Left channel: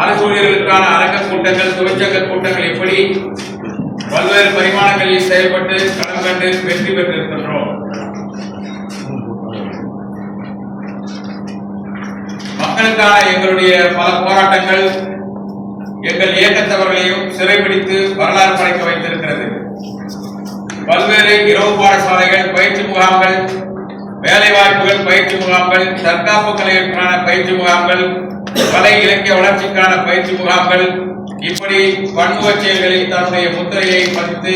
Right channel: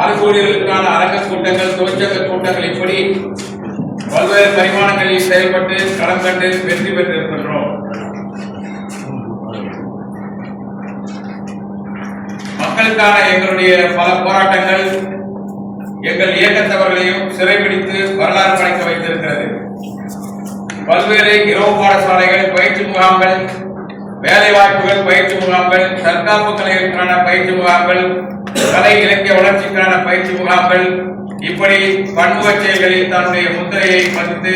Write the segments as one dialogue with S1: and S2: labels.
S1: அரசு அரங்க கூட்டங்கள் தொழிற்சங்க கூட்டங்கள் இப்படி பல்வேறு பரிமாணங்களில் செயல்பட்டு களம் கண்டு வெற்றி பெற்றிருக்கின்றோம். மக்களுக்கான எங்களுடைய பல போராட்டங்கள் எங்கள் இயக்கத்தவர்களையும் சிறைபிடித்து வரலாறு படைக்க வைத்திருக்கிறது. பல்வேறு இரவு பாடசாலைகள் பயிற்சி முகாம்கள் வேலைவாய்ப்புகள் பயிற்சி முகாம்கள் தற்காப்பு கலைகளுக்கான பயிற்சி முகாம்கள் கலை இலக்கிய வளர்ச்சிக்கான பயிற்சி முகாம்கள் இப்படி பன்முக செயல்களில் தன்னுடைய முத்திரையை பதித்து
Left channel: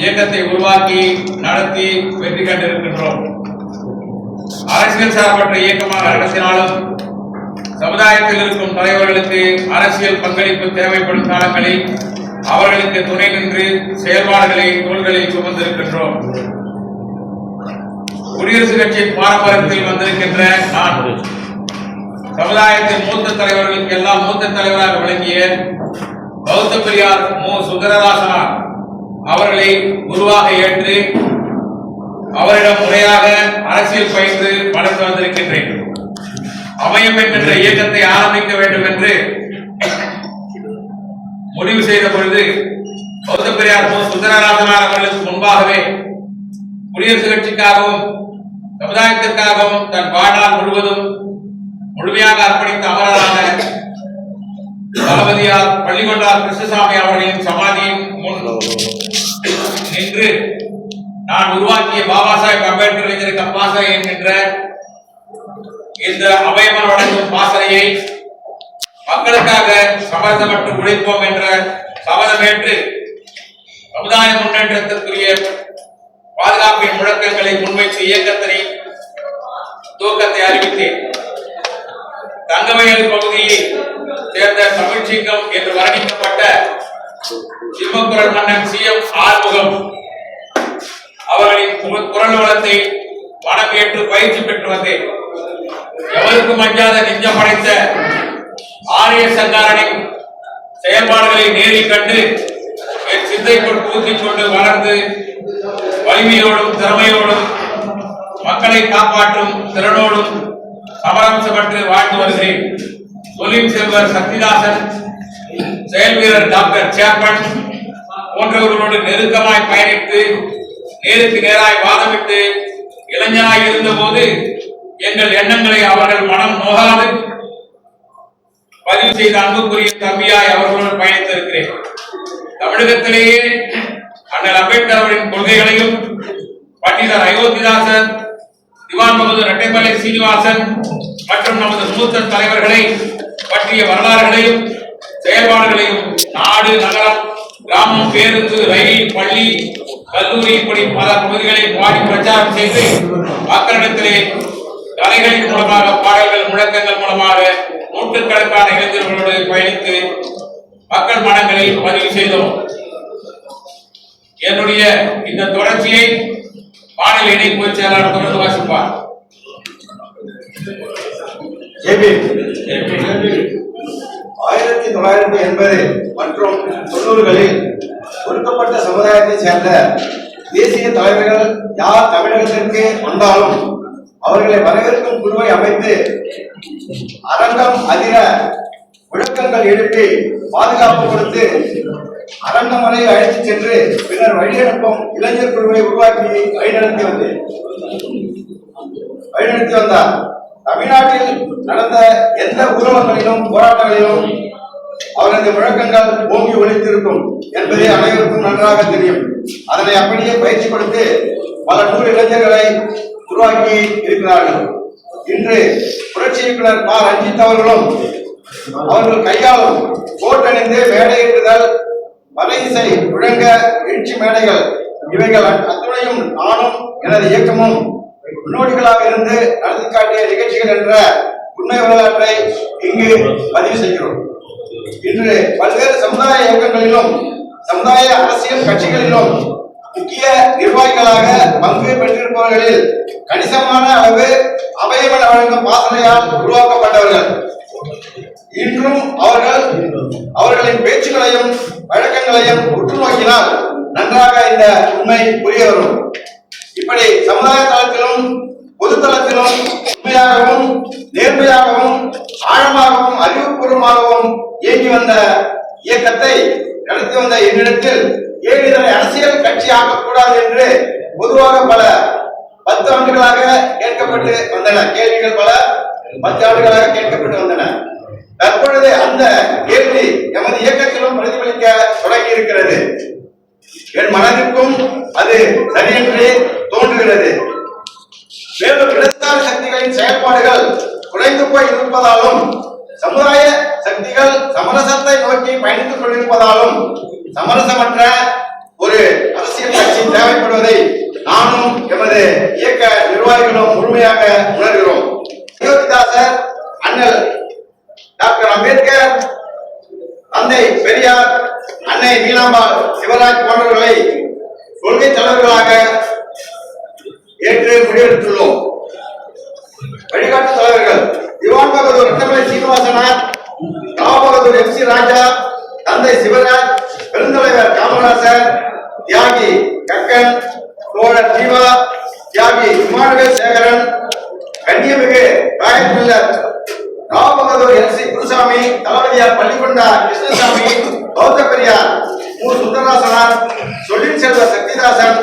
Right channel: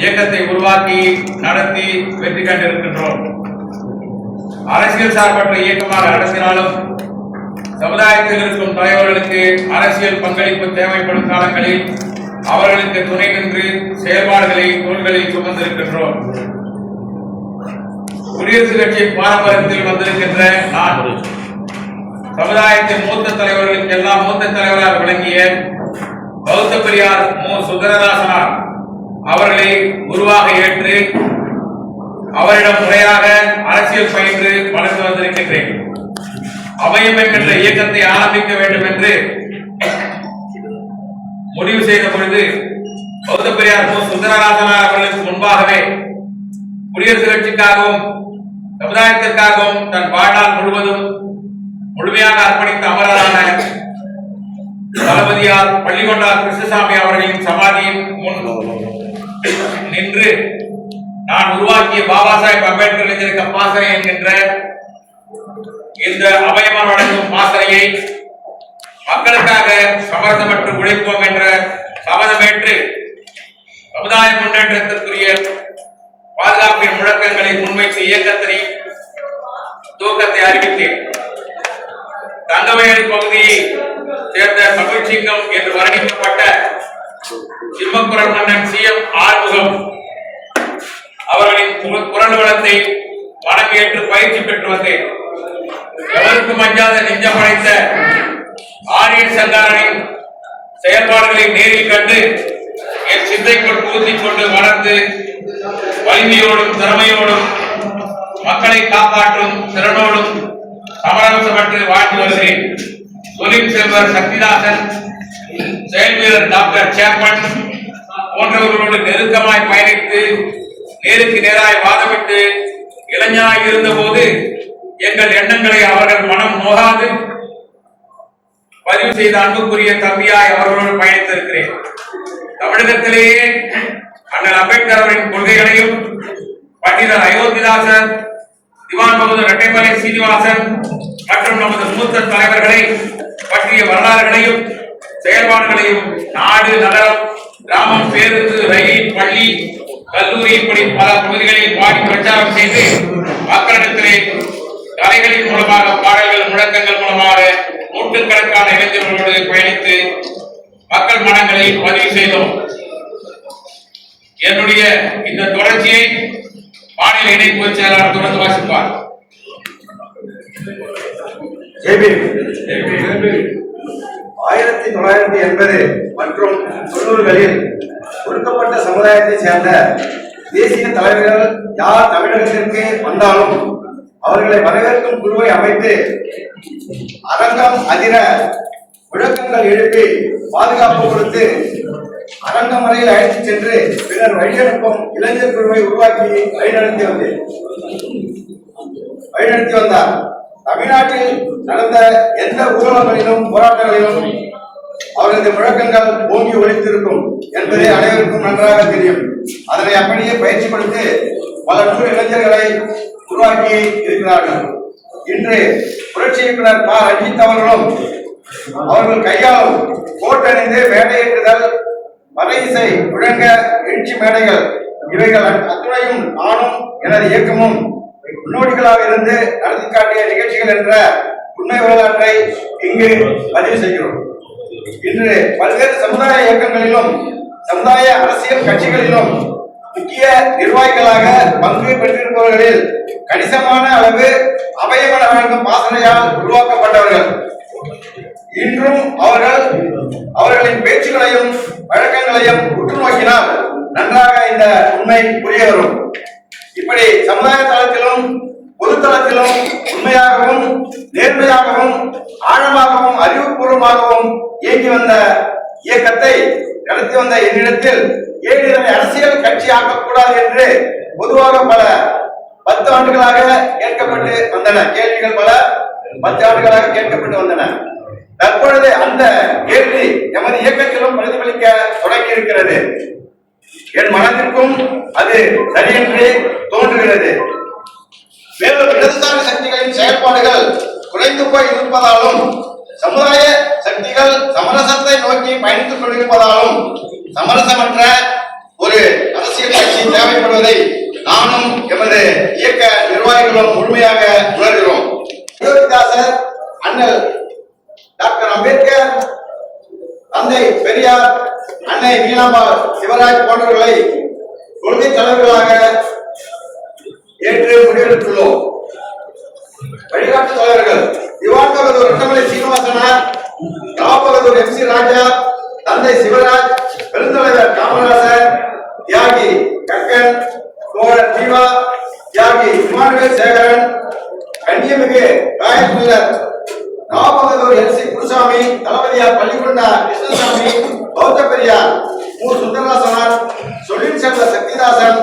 S1: இயக்கத்தை உருவாக்கி நடத்தி வெற்றி கண்டிருக்கின்றோம். அரசியல் சார்பற்ற இயக்கமாக நடத்தினாலும் சமுதாயத்தில் இருக்கும் தலைவர்களுக்கு அரசியல் பங்களிப்பு தேவைப்படும் காலங்களில் அவர்களுக்கு துணை நின்று செயல்பாடுகளை தோள்களில் சுமந்திருக்கின்றோம். குடியரசுக் கட்சியின் பாரம்பரியத்தில் வந்திருக்கின்ற நான் சமுதாயத்தின் மூத்த தலைவர்களுக்கு எல்லாம் மூத்த தலைவராக விளங்கிய பௌத்த பெரியார் மு. சுந்தரராசனார் அவர்களை குருவாக ஏற்று அவரிடம் முறையாக அரசியல் பயின்று வளர்ந்து வந்திருக்கின்றேன். அவையம் என்கின்ற இயக்கத்தை ஆரம்பிக்க வேண்டும் என்று முடிவு செய்த பொழுது பௌத்த பெரியார் மு. சுந்தரராசனார் அவர்களுக்கு முன்பாகவே குடியரசுக் கட்சிக்காகவும் சமுதாயத்திற்காகவும் தன் வாழ்நாள் முழுவதும் முழுமையாக அர்ப்பணித்த அமரரான தளபதியார் பள்ளிகொண்டார் கிருஷ்ணசாமி அவர்களின் சமாதியின் முன் நின்று நான் உருவாக்கிய பாபா சாஹிப் அம்பேத்கர் இளைஞருக்கு பாசறை என்கின்ற இந்த அபயமா வழங்கும் பாசறையை மக்களுக்காக சமரசமற்று உழைப்போம் என்ற சபதமேற்று சமுதாய முன்னேற்றத்திற்குரிய பாதுகாப்பின் முழக்கங்களை முன்வைத்து இயக்கத்தினை துவக்கத்தை அறிவித்தேன். தங்கவயல் பகுதியை சேர்ந்த தமிழ்ச்சிங்கம் என்று வர்ணிக்கப்பட்ட சிம்மக்குரல் மன்னன் சி எம் ஆறுமுகம் அவர்களின் குரல் வளத்தை மனம் ஏற்று பயிற்சி பெற்று வந்தேன். எவருக்கும் அஞ்சாத நெஞ்சம் படைத்த ஆரிய சங்காரனின் செயல்பாடுகளை நேரில் கண்டு என் சிந்தைக்குள் பூத்திக் கொண்டு வளர்ந்து வலிமையோடும் திறமையோடும் மக்களை காப்பாற்றும் திறனோடும் சமரசமற்று வாழ்ந்து வருகிறேன். தொழில் செல்வர் சக்திதாசன் செயல் வீரர் டாக்டர் சேப்பன் போன்றவர்களோடு நெருக்கமாய் பயணித்து நேருக்கு நேராய் வாதமிட்டு இளைஞனாய் இருந்தபோது எங்கள் எண்ணங்களை அவர்கள் மனம் நோகாது. பதிவு செய்த அன்புக்குரிய தம்பியாய் அவர்களோடு பயணித்திருக்கிறேன். தமிழகத்திலேயே அண்ணல் அம்பேத்கர் அவரின் கொள்கைகளையும் பண்டிதர் அயோத்திதாசன் திவான் ரெட்டைமலை சீனிவாசன் மற்றும் நமது மூத்த தலைவர்களை பற்றிய வரலாறுகளையும் செயல்பாடுகளையும் நாடு நகரம் கிராமம் பேருந்து ரயில் பள்ளி கல்லூரி இப்படி பல பகுதிகளில் பாடி பிரச்சாரம் செய்து மக்களிடத்திலே கலைகளின் மூலமாக பாடல்கள் முழக்கங்கள் மூலமாக நூற்றுக்கணக்கான இளைஞர்களோடு பயணித்து மக்கள் மனங்களில் பதிவு செய்தோம். என்னுடைய இந்த தொடர்ச்சியை மாநில இணைப்பு செயலாளர் தொடர்ந்து வாசிப்பார்.
S2: ஆயிரத்தி தொள்ளாயிரத்தி எண்பது மற்றும் தொண்ணூறுகளில் ஒடுக்கப்பட்ட சமுதாயத்தைச் சேர்ந்த தேசிய தலைவர்கள் யார் தமிழகத்திற்கு வந்தாலும் அவர்களை வரவேற்கும் குழுவை அமைத்து அரங்கம் அதிர முழக்கங்கள் எழுப்பி பாதுகாப்பு கொடுத்து அரங்கம் வரை அழைத்துச் சென்று பின்னர் வழிநடப்பும் இளைஞர் குழுவை உருவாக்கி வழிநடத்தி வந்தேன் வழிநடத்தி வந்தார். தமிழ்நாட்டில் நடந்த எந்த ஊர்வலங்களிலும் போராட்டங்களிலும் அவரது முழக்கங்கள் ஓங்கி ஒழித்திருக்கும் என்பது அனைவருக்கும் நன்றாக தெரியும். அதனை அப்படியே பயிற்சி கொடுத்து பல நூறு இளைஞர்களை உருவாக்கி இருக்கிறார்கள். இன்று புரட்சி இயக்குனர் ப. ரஞ்சித் அவர்களும் அவர்கள் கையாலும் கோட்டணிந்து வேலையிட்டுதல் வலை இசை முழங்க எழுச்சி மேடைகள் இவைகள் அத்துணையும் நானும் எனது இயக்கமும் முன்னோடிகளாக இருந்து நடத்தி காட்டிய நிகழ்ச்சிகள் என்ற உண்மை வரலாற்றை இங்கு பதிவு செய்கிறோம். இன்று பல்வேறு சமுதாய இயக்கங்களிலும் சமுதாய அரசியல் கட்சிகளிலும் முக்கிய நிர்வாகிகளாக பங்கு பெற்றிருப்பவர்களில் கணிசமான அளவு அபயமன வழங்கும் பாசனையால் உருவாக்கப்பட்டவர்கள். இன்றும் அவர்கள் அவர்களின் பேச்சுகளையும் வழக்கங்களையும் உற்று நோக்கினால் நன்றாக இந்த உண்மை புரிய வரும். இப்படி சமுதாய தளத்திலும் பொது தளத்திலும் உண்மையாகவும் நேர்மையாகவும் ஆழமாகவும் அறிவுபூர்வமாகவும் இயங்கி வந்த இயக்கத்தை நடத்தி வந்த என்னிடத்தில் ஏன் இதனை அரசியல் கட்சி ஆக்கக்கூடாது என்று பொதுவாக பல பத்து ஆண்டுகளாக கேட்கப்பட்டு வந்தன. கேள்விகள் பல பத்து ஆண்டுகளாக கேட்கப்பட்டு வந்தன. தற்பொழுது அந்த கேள்வி எமது இயக்கத்திலும் பிரதிபலிக்க தொடங்கி இருக்கிறது என் மனதிற்கும் அது சரியென்று தோன்றுகிறது. மேலும் இடதுசாரி சக்திகளின் செயல்பாடுகள் குறைந்து போய் இருப்பதாலும் சமுதாய சக்திகள் சமரசத்தை நோக்கி பயணித்துக் கொண்டிருப்பதாலும் சமரசமற்ற ஒரு அரசியல் கட்சி தேவைப்படுவதை நானும் எமது இயக்க நிர்வாகிகளும் முழுமையாக உணர்கிறோம். அயோத்திதாசர் அண்ணல் டாக்டர் அம்பேத்கர் தந்தை பெரியார் அன்னை நீலாம்பாள் சிவராஜ் போன்றவர்களை கொள்கை தலைவர்களாக ஏற்று முடிவெடுத்துள்ளோம். வழிகாட்டு தலைவர்கள் திவான் பகதூர் ரத்தமலை சீனிவாசனார் ராபகதூர் எம் சி ராஜா தந்தை சிவராஜ் பெருந்தலைவர் காமராசர் தியாகி கக்கன் தோழர் ஜீவா தியாகி இமானுவேல் சேகரன் கண்ணியமிகு காயப்பிள்ளர் ராமபகதூர் எல் சி குருசாமி தளபதியார் பள்ளிக்கொண்டா கிருஷ்ணசாமி பௌத்த பெரியார் மு. சுந்தரராசனார் சொல்லின் செல்வ சக்திதாசன்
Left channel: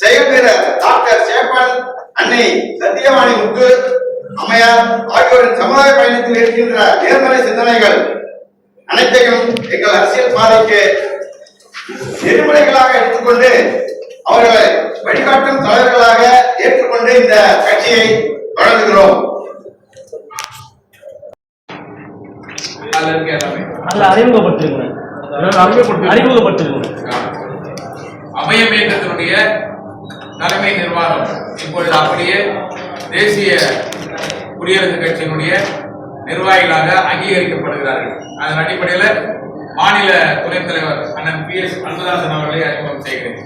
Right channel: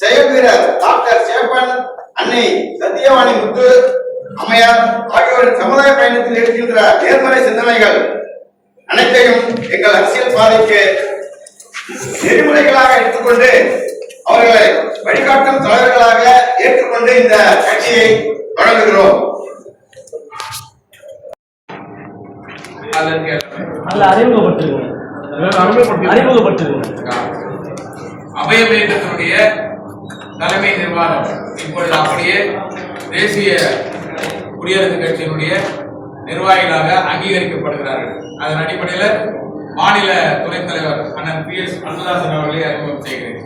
S2: செயல் வீரர் டாக்டர் சேப்பன் அன்னை சத்தியவாணி முத்து அம்மையார் ஆகியோரின் சமுதாய பயணத்தில் இருக்கின்ற நேர்மறை சிந்தனைகள் அனைத்தையும் எங்கள் அரசியல் பாதைக்கு நெறிமுறைகளாக எடுத்துக்கொண்டு அவர்களை வழிகாட்டும் தலைவர்களாக ஏற்றுக்கொண்டு இந்த கட்சியை
S1: எல்லாமே
S3: அல்ல அறிமுகப்படுத்திருங்க. அறிமுகப்படுத்திருங்க.
S1: அபயம் இயக்கத்தினுடைய தலைமை நிர்வாகம் இப்பொழுது அப்படியே தேசிய குடியரசுக் கட்சியினுடைய நிர்வாகிகளாக அங்கீகரிக்கப்படுகிறார்கள். அதன் அடிப்படையில் மாநில துணைத் தலைவர் அண்ணன் பி எஸ் அன்பதாசன் அவர்களை அறிமுகம் செய்கிறேன்.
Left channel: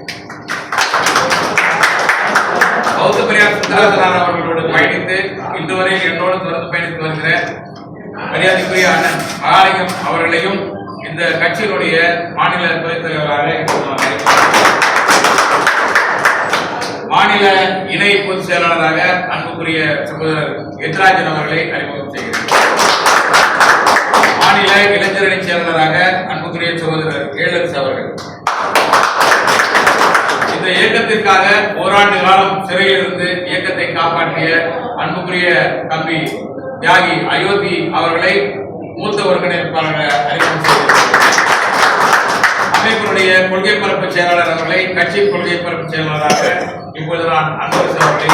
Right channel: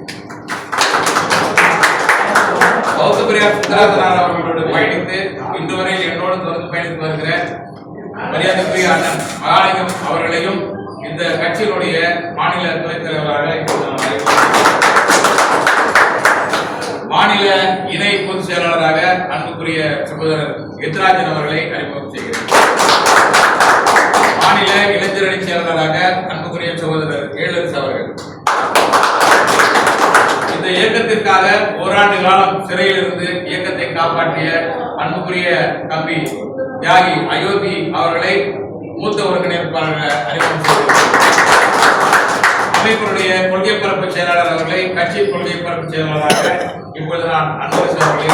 S1: பௌத்த பெரியார் சுந்தராசனார் அவர்களோடு பயணித்து இன்று வரை என்னோடு தொடர்ந்து பயணித்து வருகிற மரியாதைக்குரிய அண்ணன் மகாலிங்கம் அவர்களையும் இந்த கட்சியினுடைய மாநில துணைத் தலைவராக மாநில இணை பொதுச் செயலாளராக அன்புக்குரிய சகோதரர் எத்ராஜன் அவர்களை அறிமுகம் செய்கிறேன். மாநில இளைஞரணி செயலாளராக அன்புக்குரிய சகோதரர் ஏழரசு அவர்கள். இந்த இயக்கத்திற்காக ஓராண்டு காலம் சிறையில் இருந்து இயக்கத்தை காப்பாற்றிய அன்புக்குரிய தம்பி தியாகி அயோத்தி அவர்களை மூத்த ஒருங்கிணைப்பாளராக அறிமுகம் செய்கிறேன் அமைப்பினுடைய கொள்கை பரப்பு செயலாளர் அவர்களை கட்சி கொள்கை பரப்பு செயலாளராக இப்பொழுது நான் அன்பரசு அவர்களை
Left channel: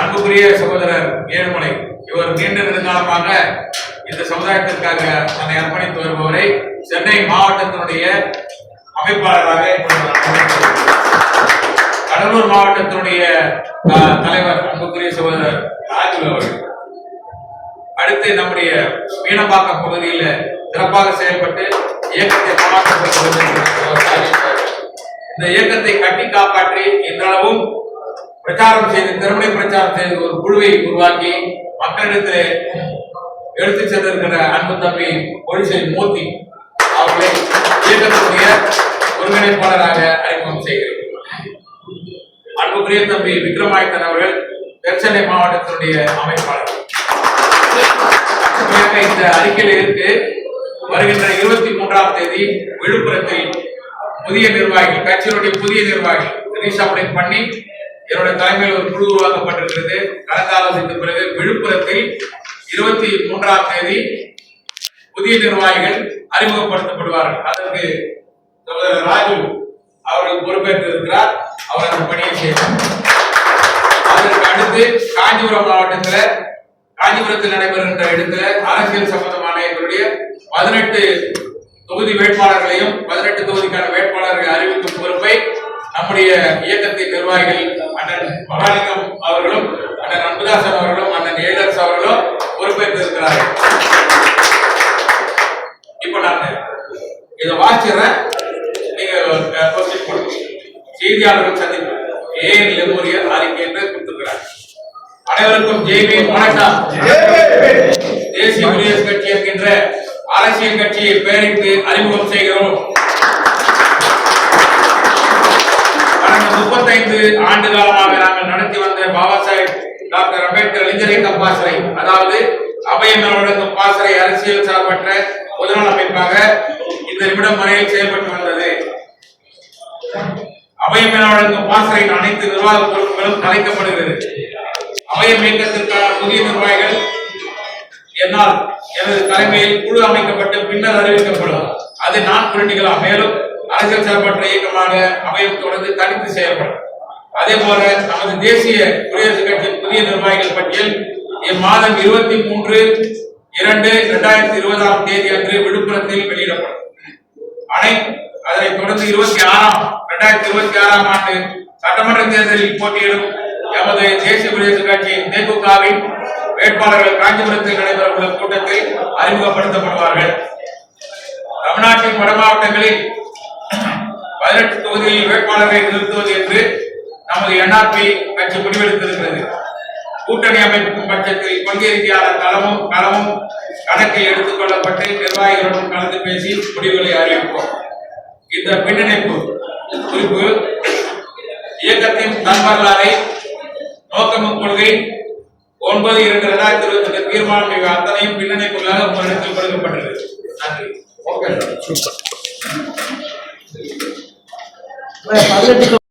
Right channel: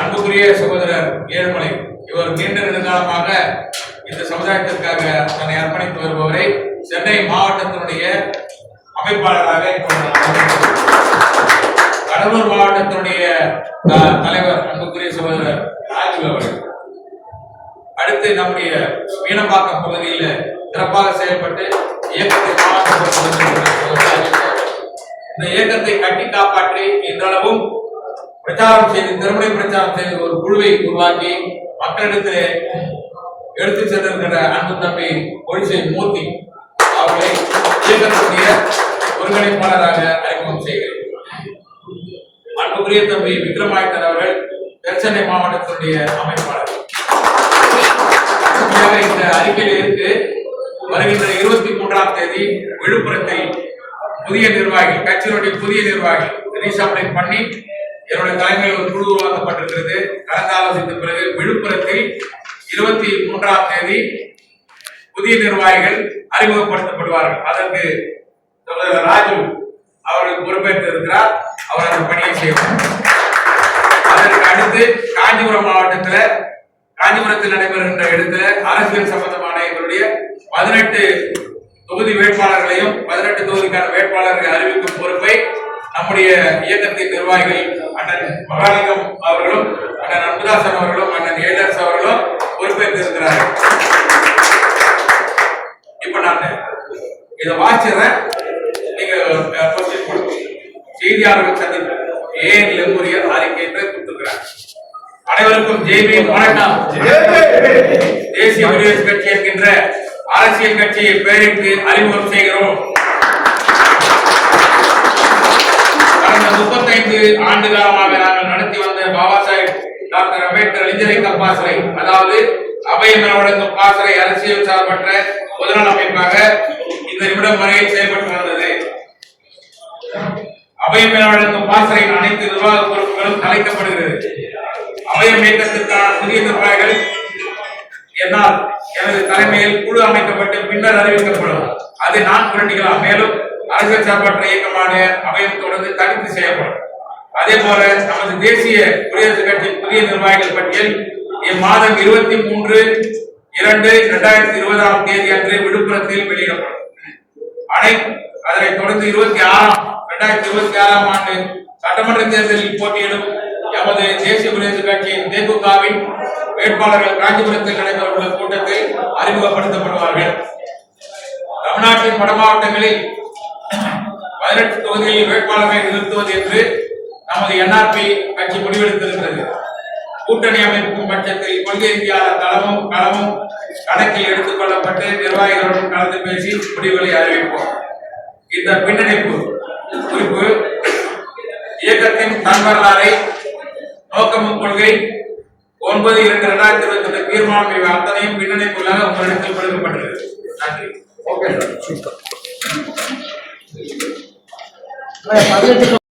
S1: அன்புக்குரிய சகோதரர் ஏழுமலை இவர் நீண்ட நெடுங்காலமாக இந்த சமுதாயத்திற்காக தன்னை அர்ப்பணித்து வருபவரை சென்னை மாவட்டத்தினுடைய அமைப்பாளராக கடலூர் மாவட்டத்தினுடைய த- தலைவர் அன்புக்குரிய சகோதரர் ராஜு அவர்கள். அடுத்து நம்முடைய மீனம்பாக்கம் பகுதியில் சிறப்பாக செயல்பட்டு இயக்கத்தை இந்த இயக்கத்தை கட்டி காப்பாற்றி இன்றளவும் பிரச்சாரம் செய்து திறமை பிரச்சாரம் செய்து ஒரு குழுவை உருவாக்கி மக்களிடத்தில் எடுத்து சென்றிருக்கிற அன்பு தம்பி ஒழிசை மூர்த்தி அவர்களை இயக்கக்கூடிய ஒருங்கிணைப்பாளராக அறிமுகம் செய்கிறோம். அன்புக்குரிய தம்பி விக்ரமாயத்தன் அவர்கள் தென்சென்னை மாவட்டத்தினுடைய அமைப்பாளர். இந்த அறிக்கையில் இருந்து வருகின்ற இருபத்தி மூன்றாம் தேதி விழுப்புரத்தில் புதிய நிர்வாகிகள் கட்சியினுடைய புதிய நிர்வாகிகள் ரீசாப்ளிங் பண்ணி என்னுடைய தலைமையில் ஒரு குழு உருவாக்கப்பட்டிருக்கிறது. கலந்து ஆலோசித்த பிறகு விழுப்புரத்தில் இருபத்தி மூன்றாம் தேதி புதிய நிர்வாகிகள் அறிமுகப்படுத்தப்படுவார்கள். அதற்கு சகோதரர் ராஜு அவர்கள் பொறுப்பேற்று இருக்கிறார். அவர் அந்த பணியை செய்வார். அதற்கு அடுத்து காஞ்சிபுரம் மாவட்டத்தில் காஞ்சிபுரத்தில் நடைபெறுகின்ற இடத்துல அரசியல் சம்பந்தமான எங்களுடைய பதினெட்டு தொகுதி வேட்பாளர்களையும் பதினெட்டு தொகுதிக்கான வேட்பாளர்களை அறிவிக்கும் பொறுப்பை நம்முடைய இயக்கத்தின் நிர்வாகிகள் அண்ணன் மகாலிங்கம் அவர்களும் அண்ணன் அன்புதாசன் அவர்களும் அண்ணன் ஏழரசு அவர்களும் பொறுப்பேற்று இருக்கிறார்கள். இப்ப நான் இதை வாசிடுறேன் கொஸ்டின் கொடுங்க செய்தியாளர்கள் சந்திப்பு. ஏன் லெமோரியர் அறிக்கை என்று கொடுத்திருக்கிறார்? அனைவருக்கும் ஜெய்பீம் வணக்கம். தேசிய குடியரசு கட்சி என்கின்ற அரசியல் கட்சியை பெயரிட்டு அறிமுகம் செய்கிறோம். கடந்த முப்பத்தைந்து ஆண்டு காலமாக நாங்கள் நடத்தி வந்த பாபா சாஹேப் டாக்டர் அம்பேத்கர் இளைஞரை பாசறை அதாவது அபயம் என வழங்கும் பாசறை அரசியல் சார்பற்ற பொதுநல அமைப்பாக இந்த நிமிடம் வரையில் செயல்பட்டு வந்தது. அபயம் என வழங்கும் பாசறையின் அனைத்து நிர்வாக பொறுப்புகளும் கலைக்கப்படுகிறது அபயம் இயக்கத்திற்கான புதிய நிர்வாகிகள் என்னால் எனது தலைமையில் குழு அமைக்கப்பட்டு பின்னர் அறிவிக்கப்படும். அது நான் புரட்டிகளா மேலும் அரசியல் சார்பற்ற இயக்கமான அவையம் தொடர்ந்து தனித்து செய்யப்படும். அதே போல நமது தேசிய குடியரசுக் கட்சியின் புதிய நிர்வாகிகள் பட்டியல் இம்மாதம் இருபத்தி மூன்று இரண்டு இரண்டாயிரத்தி இருபதாம் தேதி அன்று விழுப்புரத்தில் வெளியிடப்படும். அனை அதனைத் தொடர்ந்து இருபத்தி ஆறாம் இரண்டாயிரத்தி இருபத்தி ஆறாம் ஆண்டு சட்டமன்ற தேர்தலில் போட்டியிடும் எமது தேசிய குடியரசுக் கட்சியின் தேமுகவின் வேட்பாளர்கள் காஞ்சிபுரத்தில் நடைபெறவுள்ள கூட்டத்தில் அறிமுகப்படுத்தப்படுவார்கள். தமிழ்நாட்டின் வட மாவட்டங்களில் பதினெட்டு தொகுதிகளில் வேட்பாளர்களை நிறுத்துவது என்று நமது என்ஆர்பி கட்சி முடிவெடுத்திருக்கிறது. கூட்டணி அமைக்கும் பட்சத்தில் கொள்கை ரீதியான தளமும் களமும் கணக்கில் எடுத்துக் கொள்ளப்பட்டு நிர்வாகிகளுடன் கலந்து பேசி முடிவுகளை அறிவிப்போம். இந்த பின்னணிப்பு குறிப்பு இயக்கத்தின் தன் வரலாறை நோக்கமும் கொள்கை ஒன்பது இரண்டு இரண்டாயிரத்தி இருபத்தி ரெண்டு தீர்மானம் இவை அத்தனையும் பின்னணிப்புகளாக உங்களிடத்தில் கொடுக்கப்பட்டுள்ளது. நன்றி.
S2: ஓகே
S3: பதினெட்டு